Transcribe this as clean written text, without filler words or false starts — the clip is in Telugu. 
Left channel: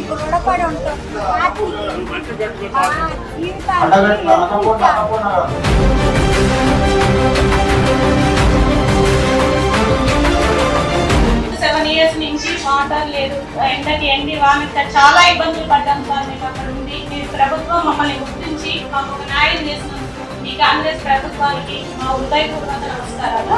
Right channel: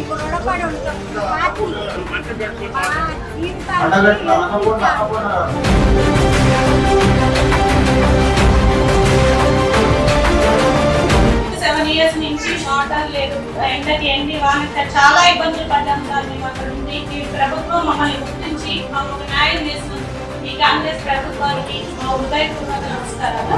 మీకు రుణపడి ఉంటాం. అండగట్ల అనుకున్నా 7 years నుంచి వాటర్ లేదు, ఎండకి ఎండి వానక చాలా ఇబ్బందులు పడ్డాం సార్. మేము అక్కడ ఉంది, మీ ప్రభుత్వం మమ్మల్ని గుర్తించి మాకు ఒక న్యాయం చేసినందుకు మీ కాంగ్రెస్ ప్రభుత్వానికి మా హృదయపూర్వక నమస్కారాలు.